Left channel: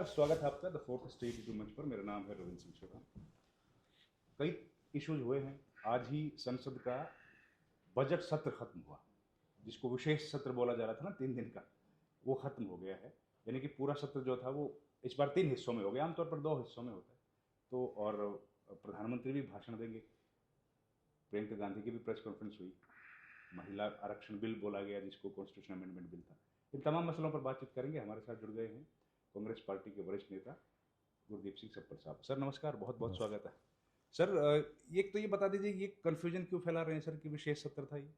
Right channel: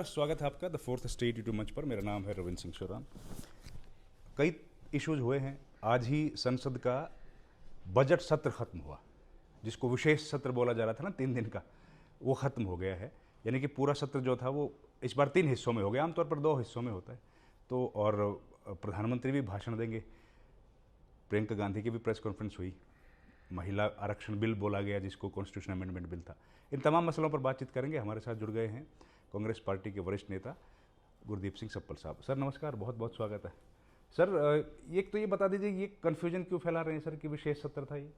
नमस्कार, स्वागत है आपका द फोर्थ स्टेट यूट्यूब मंच पर। मेरा नाम है रविंद्र सिंह शोराम। कई इश्यूज हुए हैं। आज ही संसद का बजट सत्र खत्म हुआ, जिसको विशेष सत्र बोला जा रहा था ना, 3 दिन का, वो खत्म हो गया है। यानी कि पूरा सत्र जो था वो इस बार 3 हिस्सों में हो गया। आमतौर पर 2 हिस्सों में होता है। तो और प्रधानमंत्री भी भाषण देंगे, प्रियंका गांधी की भी प्रेस कॉन्फ्रेंस हुई, महिला आरक्षण बिल बोला गया जिसको कॉन्स्टिट्यूशन अमेंडमेंट बिल था। इन तमाम मसलों पर बातचीत करेंगे। हमारे साथ जुड़ गए हैं कांग्रेस पार्टी के वरिष्ठ नेता गुरदीप सिंह सप्पल साहब। सर नमस्कार, बहुत बहुत स्वागत है। सर एक तो ये बता दीजिए, ये कन्फ्यूजन क्यों फैला रहे हैं सर कि विशेष सत्र था ये?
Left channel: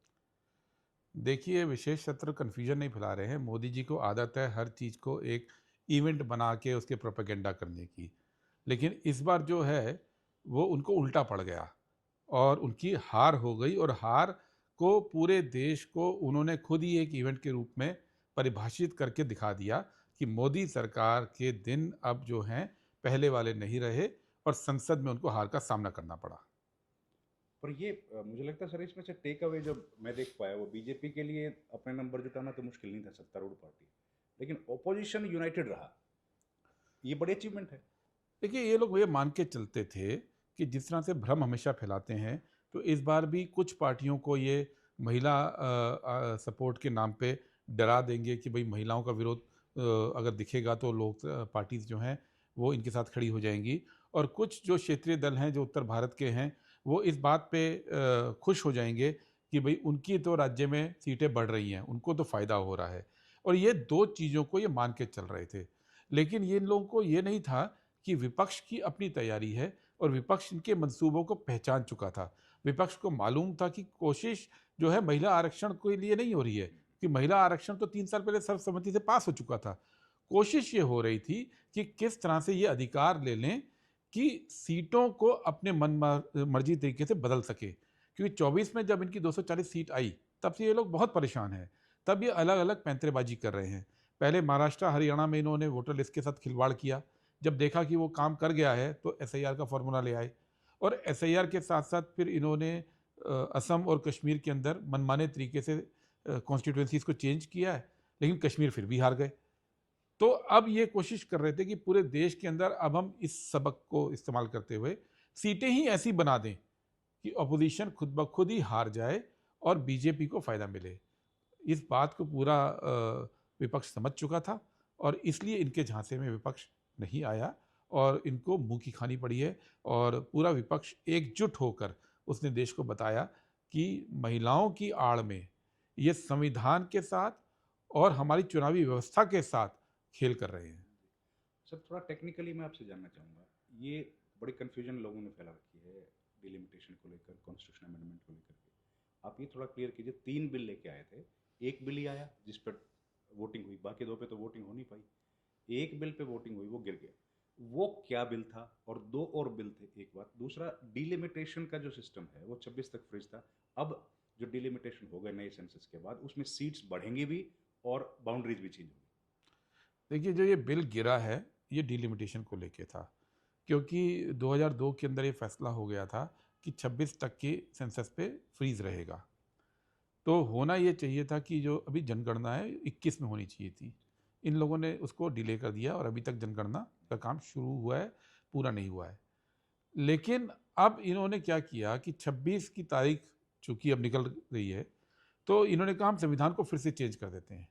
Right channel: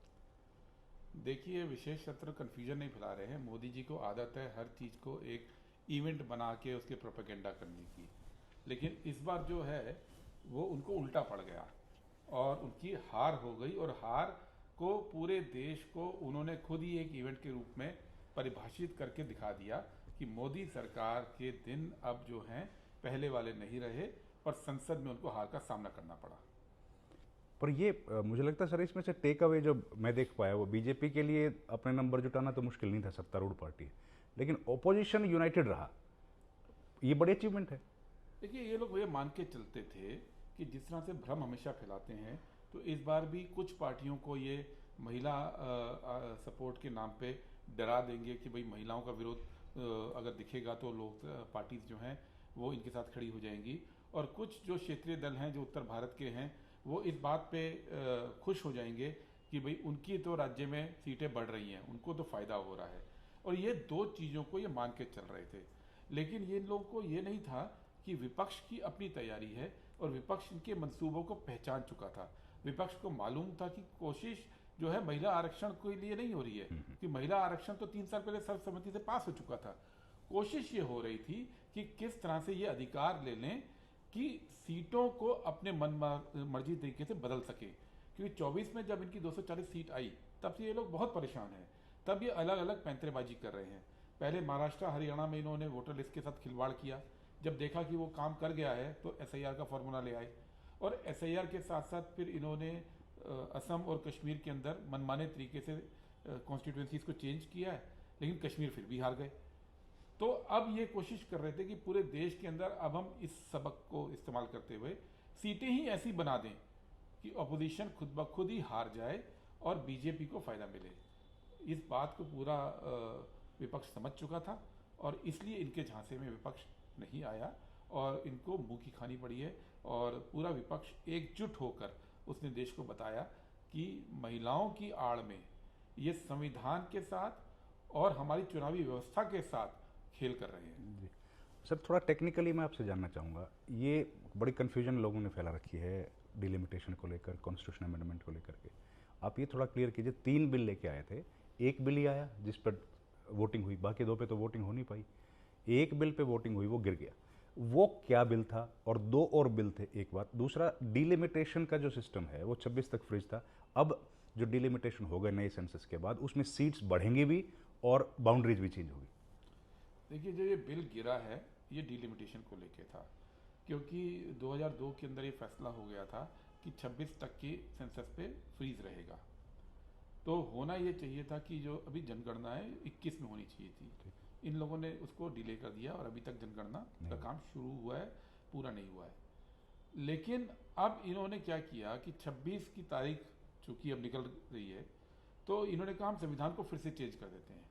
देखिए, विशेष सत्र कन्फ्यूजन नहीं फैला रहे हैं। मोदी जी को आदत है हर चीज़ को एक इवेंट बना के उसके प्रोपेगेंडा करने की, लेकिन इस बार जो है वो उनको उल्टा पड़ गया और उनकी हार हो गई। और हार को पूरे देश को उन्होंने खुद ही एक इवेंट के रूप में परिभाषित करके दिखा दिया कि मोदी सरकार के दिन अब जो हैं पहले वाले नहीं रहे और संसद में उनको हार का सामना करना पड़ा। पर ये मुझे लगता है सर, इसमें से टेक अवे जो मैं देख पाया वो बीजेपी के लिए अपने नंबर जुटाना तो मुश्किल नहीं था, सत्तारूढ़ पार्टी है, लेकिन ओपोजिशन यूनाइटेड रहा, ये बड़ी अचीवमेंट है। देखिए, ये लोग ये मान के चलते थे कि जिस तरह से भ्रम हमेशा फैलाते हैं, तो इस बार भी कुछ पार्टियों को ये महिला सपोर्ट के नाम पे डरा देंगे कि भाई महिलाओं का विरोध अगर दिखेगा तो लोग पार्टीज जो हैं वो इनके साथ खड़ी हो जाएंगी। और कुछ जो क्षेत्रीय दल हैं जो उत्तर भारत के हैं वो इस बात पे खुश हो जाएंगे कि भाई उनकी तो राज्य में सीटें बढ़ रही हैं, उनको तो फ़ायदा हो रहा है। और ये दो चीज़ों को ये मान के चल रहे थे, लेकिन ये लोगों को ये नहीं था कि विपक्ष की अपनी तैयारी है और विपक्ष इनके मंसूबों को पहचान चुका था। विपक्ष को मालूम था कि कोशिश जो है महिला आरक्षण के लिए नहीं हो रही है, कि महिला आरक्षण तो 3 साल पहले सर्वसम्मति से पास हो चुका था। कोशिश ये हो रही थी कि किस तरह से ये अधिकार ले लें कि सीटों को अपने मन मर्जी तरीके से बदल सके। क्योंकि 24 में जब इनकी 240 सीट आई तब से ये लोग बहुत परेशान हैं। तब ये अलग अलग पैंतरेबाजी कर रहे हैं। पहले महाराष्ट्र हरियाणा में इन्होंने वोटर लिस्ट के साथ खिलवाड़ किया। जब देखा कि वो काम कर गया है तो एसआईआर का फॉर्मूला ले आए, और एसआईआर के साथ साथ फिर इन्होंने असम और कश्मीर के अंदर मनमाने तरीके से कॉन्स्टिट्यूंसीज को चेंज किया है, लेकिन कश्मीर फिर भी हार गए। तो अब ये कोशिश कर रहे थे कि पूरे देश के अंदर अब हम इस सबक को इस्तेमाल करते हुए सीटें ही ऐसी बना दें कि अपोजिशन खुद ब खुद ही हार जाए और बीजेपी को फ़ायदा मिले। इस बात को पूरा विपक्ष समझ चुका था और इसलिए इनके झांसे में विपक्ष नहीं आया और इनको मुंह की खानी पड़ी है। और पूरा विपक्ष एकजुट होकर उसने देश को बताया कि महिलाओं की आड़ में ये संविधान के साथ और हमारी चुनावी व्यवस्था के साथ खेल कर रहे हैं। जी सर, थोड़ा टेक्निकली मैं आपसे जानना चाहूँगा, ये बड़ी कन्फ्यूजन लोगों ने फैला रखी है डिलिमिटेशन को लेकर, कॉन्स्टिट्यूशन अमेंडमेंट को लेकर के। आप ये थोड़ा क्लियर कीजिए। 3 बिल लेके आए थे, एक बिल ही आया जिस पर वोटिंग हुई, बाकी 2 पे तो वोटिंग हो नहीं पाई। एक बिल पे वोटिंग हुई, वो गिर गया। वो क्या बिल था? और 2 और बिल थे, एक बात। दूसरा, डिलिमिटेशन का जो सिस्टम है वो 26 तक फ्रीज था। अब जो डिलिमिटेशन हो गए नए सेंसस के बाद, उसमें सीट्स बढ़ेंगी भी और बाउंड्रीज भी चेंज होगी। देखिए, जो ये बिल गिरा है ये डिलिमिटेशन को लेके था, क्योंकि 2002 के अंदर ये फैसला हो गया था कि 26 तक की सेंसस पे फ्रीज रहेगा। तो होना ये चाहिए था कि जो अभी जनगणना है 21 में होनी चाहिए थी। इन लोगों ने उसको डिले कर दिया और अभी तक जनगणना का काम शुरू हुआ है, पूरा नहीं हुआ है। लेकिन अब इन्होंने क्या किया कि 26 की तारीख चूँकि अब निकल रही है, तो इन्होंने कहा हम संविधान को फिर से चेंज कर देते हैं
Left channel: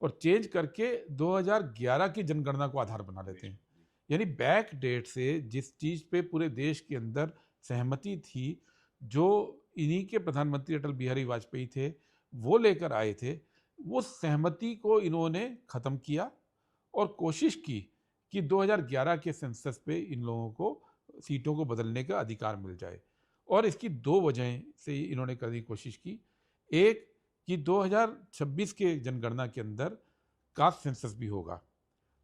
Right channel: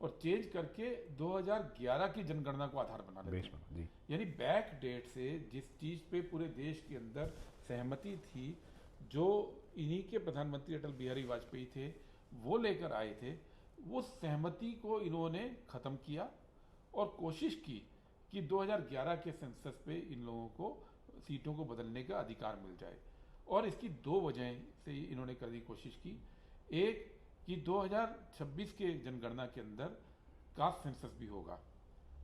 और चेंज करके 2011 की जनगणना को आधार बना लेते हैं। यानी बैक डेट से जिस चीज़ पे पूरे देश के अंदर सहमति थी, जो इन्हीं के प्रधानमंत्री अटल बिहारी वाजपेयी थे वो लेकर आए थे, वो सहमति को इन्होंने ख़त्म किया और कोशिश की कि 2011 के सेंसस पे इन लोगों को सीटों को बदलने का अधिकार मिल जाए। और इसकी 2 वजह से इन्होंने करने की कोशिश की। एक कि 2026 के जनगणना के अंदर कास्ट सेंसस भी होगा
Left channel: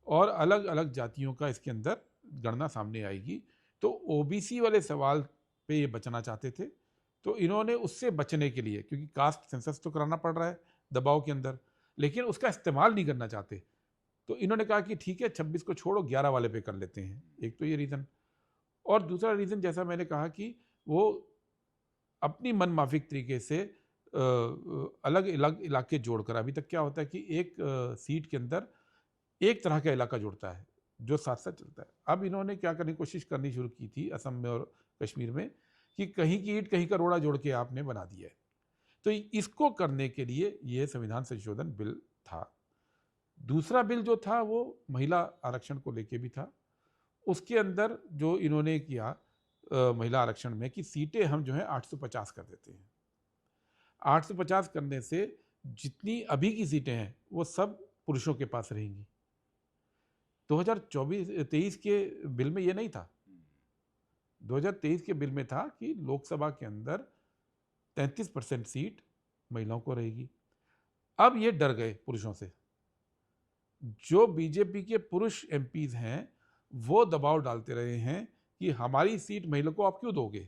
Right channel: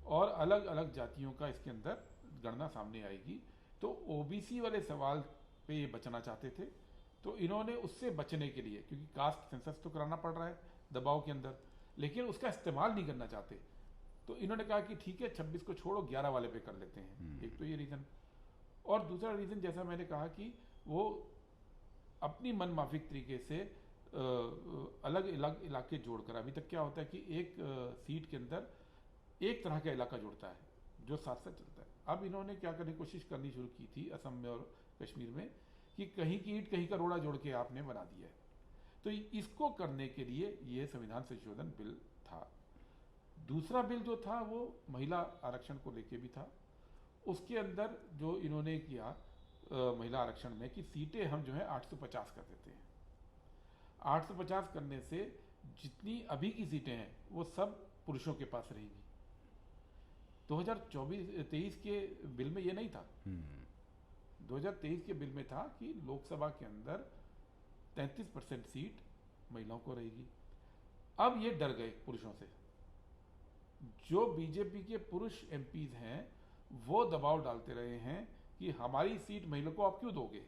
और अलग अलग जातियों का इसके अंदर गणना सामने आएगी। तो ओबीसी वाले सवाल पे ये बचना चाहते थे, तो इन्होंने उससे बचने के लिए, क्योंकि कास्ट सेंसस तो कराना पड़ रहा है दबाव के अंदर, लेकिन उसका इस्तेमाल नहीं करना चाहते, तो इन्होंने कहा कि ठीक है 26 को छोड़ो 11 वाले पे कर लेते हैं। एक तो ये रीज़न, और दूसरा रीज़न जैसा मैंने कहा कि वो अपनी मनमाफिक तरीके से अलग अलग इलाके जोड़कर, अभी तक क्या होता है कि एक सीट के अंदर एक तरह का इलाका जुड़ता है, जो साथ साथ चलता है। अब इन्होंने क्या करने की कोशिश करनी शुरू की थी असम में और कश्मीर में कि कहीं की ईंट कहीं का रोड़ा जोड़ के आपने बना दिया है। तो इसको करने के लिए ये संविधान संशोधन बिल था। दूसरा बिल जो था वो महिला आरक्षण को लेके भी था। उसके अंदर जो इन्होंने किया महिला आरक्षण में कि सीटें हम जो है 850 कर देते हैं। 850 करने से जितनी अभी की सीटें हैं वो सब पुरुषों के पास रहेंगी। 2024-23 के बिल में ये नहीं था। 2023 के बिल में था कि लोकसभा के अंदर 33% सीट महिलाओं को रहेगी। अब ये डर गए पुरुषों से। जो बीजेपी के पुरुष एमपीज हैं वो दबाव डालते रहे हैं कि हमारी सीट महिला को आप क्यों दोगे।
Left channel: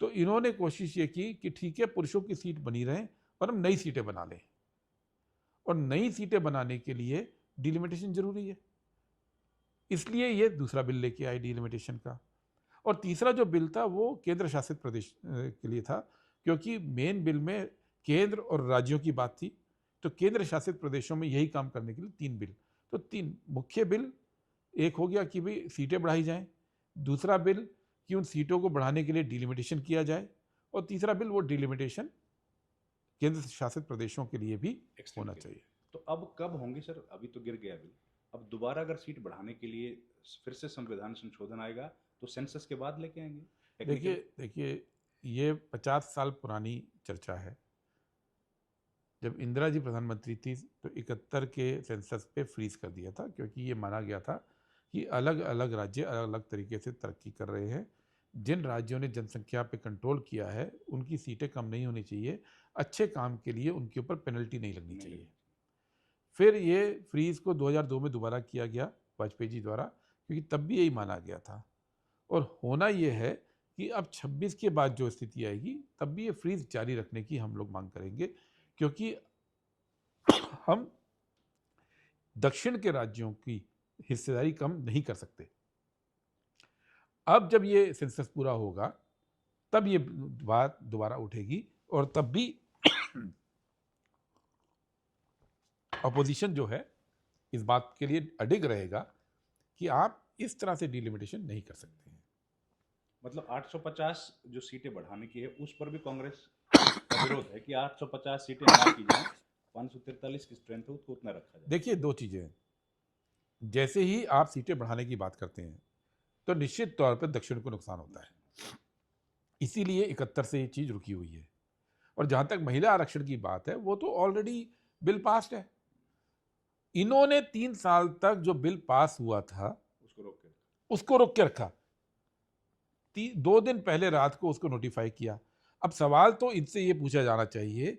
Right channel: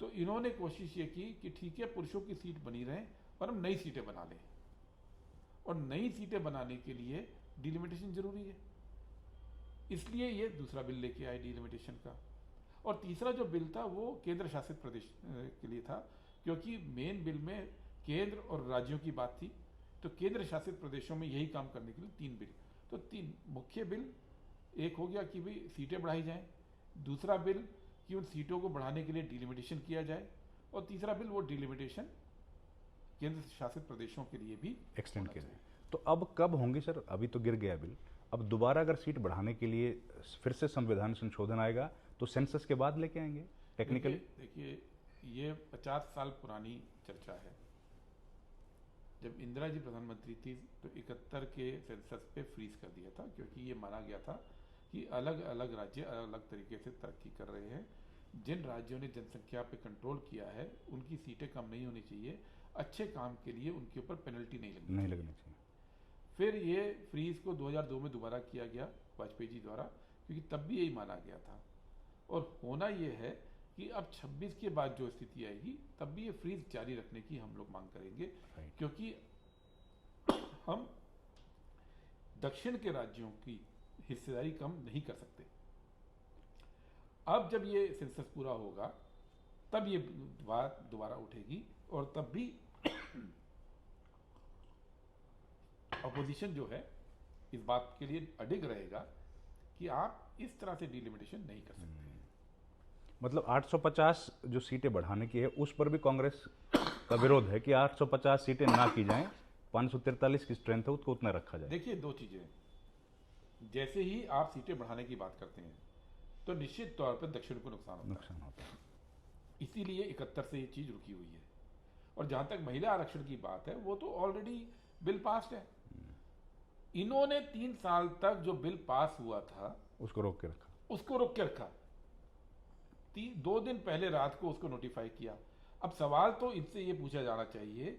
तो इन्होंने कोशिश ये की कि ठीक है पुरुषों की सीट बनी रहे और हम नई सीटें बना लें। और नई सीटें बनाने के लिए डिलिमिटेशन जरूरी है, इसलिए ये दूसरा बिल लेके आए डिलिमिटेशन का। और तीसरा जो बिल था वो केंद्र शासित प्रदेश के लिए था, क्योंकि मेन बिल में केंद्र और राज्यों की बात थी। तो केंद्र शासित प्रदेशों में यही काम करने के लिए 3 बिल। तो 3 मुख्य बिल, एक हो गया कि भाई सीटें बढ़ाई जाएं, दूसरा बिल कि उन सीटों को बढ़ाने के लिए डिलिमिटेशन किया जाए, और तीसरा बिल वो डिलिमिटेशन केंद्र शासित प्रदेशों के लिए भी होना चाहिए। तो अब कब होंगे सर? अभी तो गिर गया बिल, अब दोबारा अगर सीट बढ़ाने के लिए फिर से संविधान संशोधन आएगा तो सेंसस के बाद लेके आएंगे टेक्निकल? देखिए ये 50 साल पुरानी चर्चा है। जब इंदिरा जी प्रधानमंत्री थी तो 71 के सेंसस पे फ्रीज कर दिया था, क्योंकि ये माना गया था कि अलग अलग राज्य अलग अलग तरीके से तरक्की कर रहे हैं। जिन राज्यों ने जनसंख्या पे कंट्रोल किया है उनकी सीटें कम नहीं होनी चाहिए, अच्छे काम के लिए उनके ऊपर पेनल्टी नहीं लगनी चाहिए। फिर ये फ्रीज को 2002 में दोबारा किया गया वाजपेयी जी द्वारा, क्योंकि तब भी यही माना गया था। और होना ये है कि अब 26 के बाद जो स्थिति आएगी तब भी ये फ्रीज जारी रखने की हम लोग मांग करेंगे, क्योंकि हम दक्षिण के राज्यों की हिस्सेदारी कम नहीं कर सकते। अब जब ये सेंसस पूरा होगा तब ये बात दोबारा उठेगी, और तब भी अपोजिशन जो है इस बात के लिए अडिग रहेगा कि आप इस तरह से डिलिमिटेशन नहीं कर सकते। मतलब 850 जो सीटें बढ़ाने की है उस पर भी कांग्रेस का विरोध है कि 850 सीटें ना की जाएं, 543 की स्ट्रेंथ है उसको उतना रखा जाए। देखिए 2 चीजें, जैसे ही आप सीटें बढ़ाने की बात करते हैं तो निश्चित तौर पर दक्षिण को नुकसान होता है। इसीलिए 71 से ये चीज रुकी हुई है। और जहां तक महिला आरक्षण की बात है वो तो ऑलरेडी बिल पास है। इन्होंने 3 साल तक जो बिल पास हुआ था उसको रोक के रखा। 2 दिन पहले रात को उसको नोटिफाई किया। अब सवाल तो इनसे ये पूछा जाना चाहिए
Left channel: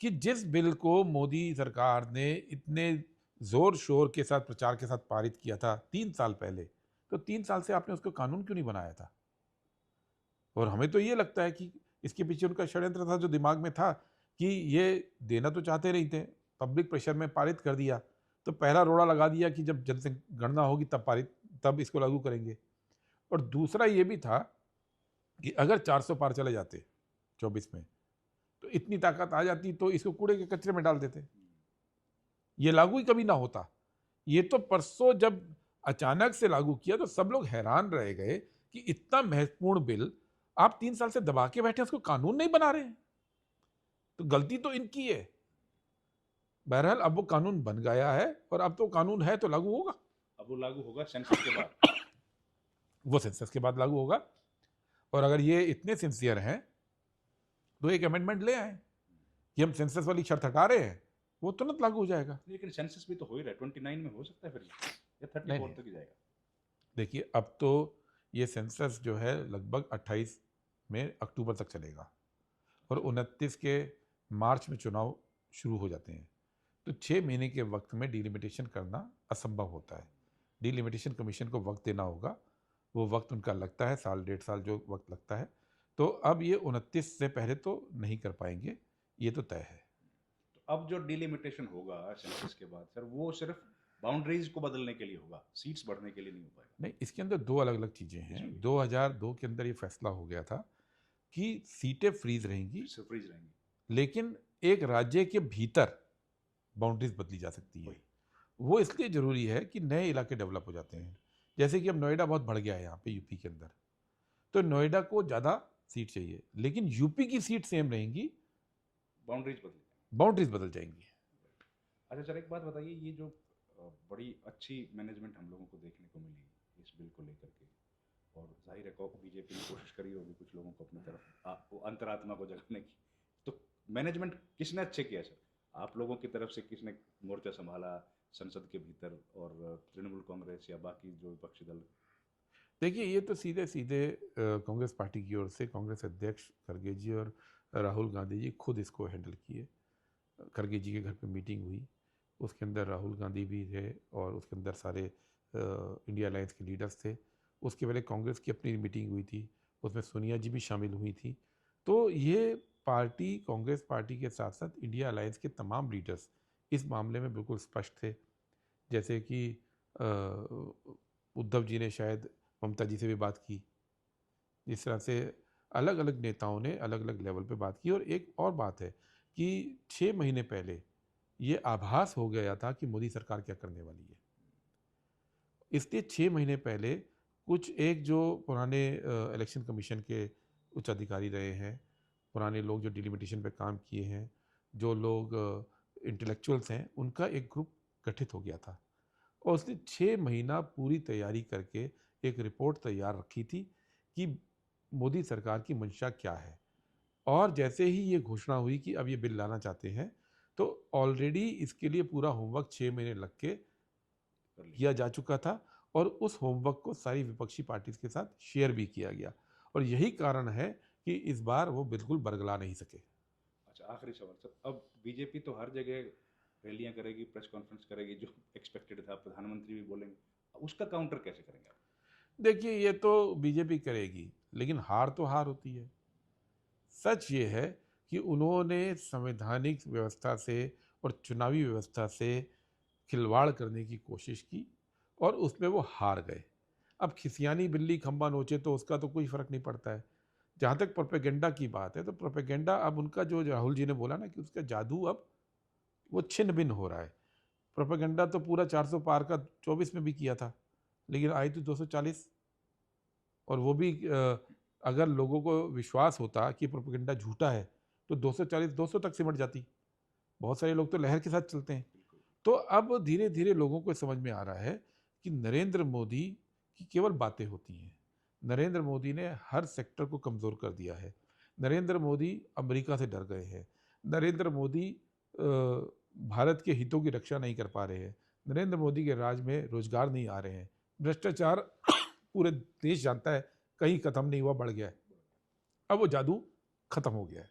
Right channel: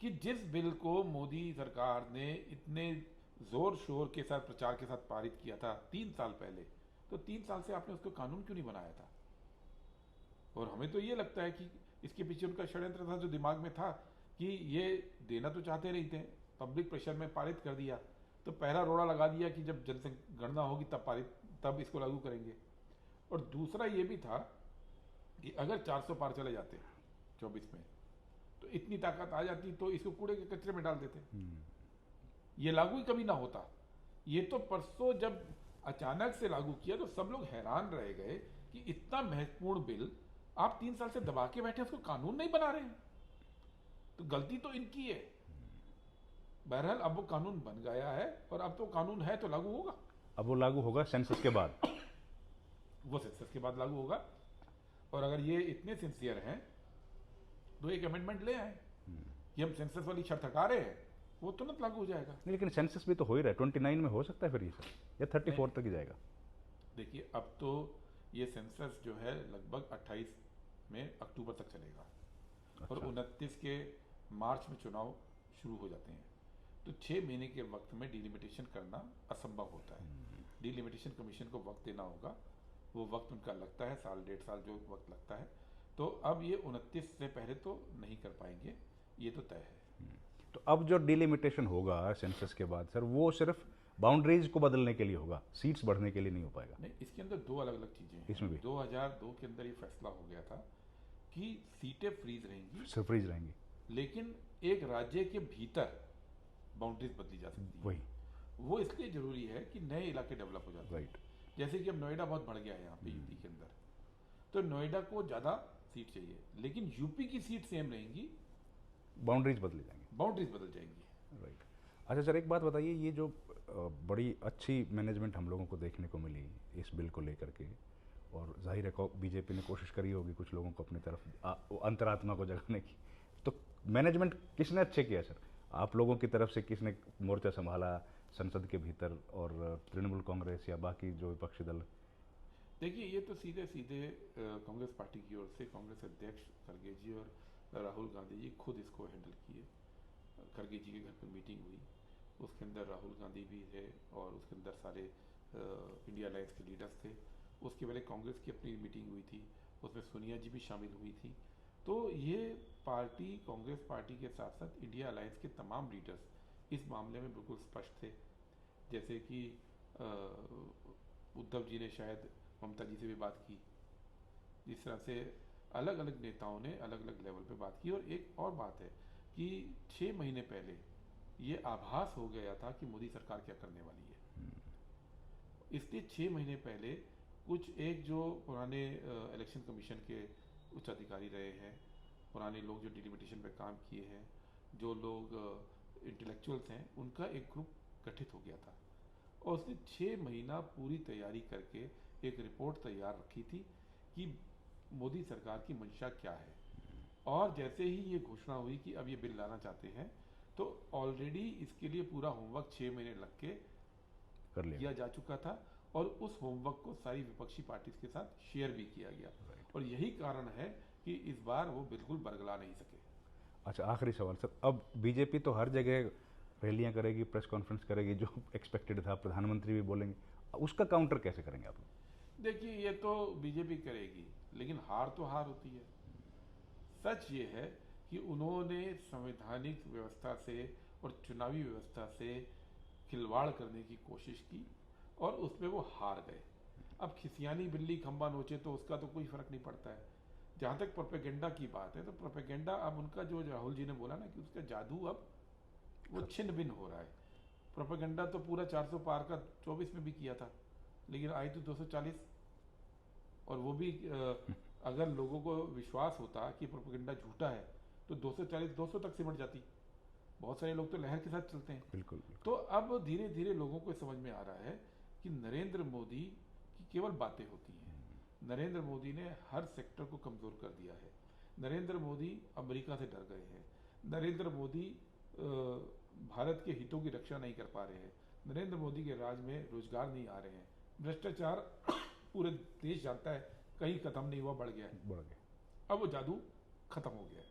कि जिस बिल को मोदी सरकार ने इतने जोर शोर के साथ प्रचार के साथ पारित किया था 3 साल पहले, तो 3 साल से आपने उसको कानून क्यों नहीं बनाया था? और हमें तो ये लगता है कि इसके पीछे उनका षड्यंत्र था, जो दिमाग में था कि ये देना तो चाहते नहीं थे, पब्लिक प्रेशर में पारित कर दिया, तो पहला रोड़ा लगा दिया कि जब जनगणना होगी तब इसको लागू करेंगे। और दूसरा ये भी था कि अगर 400 पार चले जाते 24 में तो इतनी ताकत आ जाती तो इसको कूड़े के कचरे में डाल देते, ये लागू ही कभी ना होता। ये तो परसों जब अचानक से लागू किया तो सब लोग हैरान रह गए कि इतना महत्वपूर्ण बिल आप 3 साल से दबा के बैठे, उसको कानून नहीं बना रहे हैं। तो गलती तो इनकी है। बहरहाल अब वो कानून बन गया है और अब तो कानून है तो लागू होगा। अब वो लागू होगा सेंसस के बाद। वो सेंसस के बाद लागू होगा। और अगर ये इतने सिंसियर हैं तो एक अमेंडमेंट ले आए कि हम सेंसस वाली शर्त हटा रहे हैं, वो तुरंत लागू हो जाएगा। लेकिन सेंसस भी तो हो ही रहा है, 29 में हो सकता है फिर ये, या 34 तक ही जाएगा। देखिए अब तो ये सेंसस जो है लगभग 28 में अक्टूबर तक चलेगा। और 29 के मार्च में चुनाव शुरू हो जाते हैं। तो 6 महीने के वक्त में डिलिमिटेशन करना असंभव होता है। डिलिमिटेशन कमीशन को वक्त देना होगा, वो वक्त उनका लगता है, 1.5 साल जो वक्त लगता है। तो अब ये 29 से पहले तो नहीं कर पाएंगे, ये तो तय है। तो अब जो डिलिमिटेशन होगा सेंसस के बाद सर, वो सिर्फ बाउंड्रीज को बदलने के लिए होगा, सीट्स बढ़ने के लिए नहीं हो पाएगा? नहीं, इसके अंदर 2 अलग अलग चीज़ें हैं। 2002 के अंदर ये फैसला हो गया था कि सीटें फ्रीज रहेंगी, फ्रीज रहेंगी, लेकिन एक राज्य के भीतर बाउंड्रीज बदली जा सकती है। वो इसलिए ज़रूरी है कि नए इलाके डेवलप हो जाते हैं। जैसे कि अब नोएडा बहुत बढ़ गया है यहाँ पे यूपी के अंदर, तो नोएडा को ज़्यादा सीट चाहिए, लेकिन यूपी की सीट सेम रहेंगी, बाउंड्रीज बदली जाएंगी। बाउंड्रीज बदल जाएंगी। राइट। अच्छा सर, एक बात बताइए, ये जो बड़ी अच्छी मैनेजमेंट हम लोगों को देखने को मिली इस बिल को लेकर के, और जाहिर है बीजेपी ने कोशिश करी होगी कुछ लोगों को अपनी तरफ अंतरात्मा को जगाने की, तो मैनेजमेंट किसने अच्छे किया सर? आप लोगों की तरफ से किसने मोर्चा संभाला संसद के भीतर, और तृणमूल कांग्रेस या बाकी जो विपक्षी दल? देखिए, ये तो सीधे सीधे कांग्रेस पार्टी की ओर से कांग्रेस अध्यक्ष खड़गे जी और राहुल गांधी जी खुद इसको हैंडल किए। खड़गे जी के घर पे मीटिंग हुई, उसके अंदर राहुल गांधी भी थे और उसके अंदर सारे इंडिया अलायंस के लीडर्स थे। उसके पहले कांग्रेस की अपनी मीटिंग हुई थी, उसमें सोनिया जी भी शामिल हुई थी। तो ये पार्टी, कांग्रेस पार्टी के साथ साथ इंडिया अलायंस के तमाम लीडर्स इस मामले में बिल्कुल स्पष्ट थे। जैसे कि उद्धव जी ने शायद ममता जी से भी बात की, इस तरह से अलग अलग नेताओं ने अलग अलग लेवल पे बात की। और एक और बात है कि 6 महीने पहले ये आभास हो गया था कि मोदी सरकार क्या करने वाली है, इसलिए 6 महीने पहले कुछ एक जो पुराने इलेक्शन कमीशन के उच्च अधिकारी रहे हैं, पुराने लोग जो डिलिमिटेशन पे काम किए हैं, जो लोग इंटेलेक्चुअल्स हैं, उनका एक ग्रुप गठित हो गया था और उसने 6 महीना पूरी तैयारी करके एक रिपोर्ट तैयार रखी थी कि मोदी सरकार की मंशा क्या है। और जैसे ही ये घोषणा हुई कि अब ये बिल लाना चाहते हैं, तो ऑलरेडी इसके लिए पूरा होमवर्क 6 महीने लग के कर लिया किया जा चुका था और उस होमवर्क को सारी विपक्षी पार्टीज के साथ शेयर भी किया गया। और यही कारण है कि इस बार वो बिल्कुल बरगला नहीं सके। अच्छा, आखिरी सवाल सर, अब बीजेपी तो हर जगह रैलियां करेगी, प्रेस कॉन्फ्रेंस करेगी, जो एक्सपेक्टेड था, प्रधानमंत्री भी बोलेंगे, उसका काउंटर कैसे करेंगे आप लोग? देखिए, ये तो बीजेपी करेगी, लेकिन हार तो हार होती है। सच ये है कि उन्होंने संवैधानिक व्यवस्था से और चुनावी व्यवस्था से खिलवाड़ करने की कोशिश की और उसमें वो हार गए। अब खिसियानी बिल्ली खंबा नोचे तो उसका तो कोई फ़र्क नहीं पड़ता है। जहाँ तक प्रोपेगेंडा की बात है, तो प्रोपेगेंडा अब उनका जो राहुल जी ने बोला ना कि उसका जादू अब वो छिन्न भिन्न हो रहा है। प्रोपेगेंडा तो पूरा 400 पार का 24 में भी किया था, लेकिन आई तो 240। और वो भी अगर लोगों को विश्वास होता कि प्रोपेगेंडा झूठा है तो 240 200 तक सिमट जाती। बहुत सारे लोग तो लहर के साथ चलते हैं। बिल्कुल। तो अब धीरे धीरे लोगों को समझ में आ रहा है कि नरेंद्र मोदी की केवल बातें होती हैं। नरेंद्र मोदी ने हर सेक्टर को कमज़ोर कर दिया है। नरेंद्र मोदी अमेरिका से डर गए हैं। नरेंद्र मोदी भारत के हितों की रक्षा नहीं कर पा रहे हैं। नरेंद्र मोदी के राज में रोजगार नहीं आ रहे हैं। भ्रष्टाचार पूरे देश जानता है कहीं ख़त्म नहीं हुआ, बढ़ गया है। अब वो जादू खत्म हो गया है।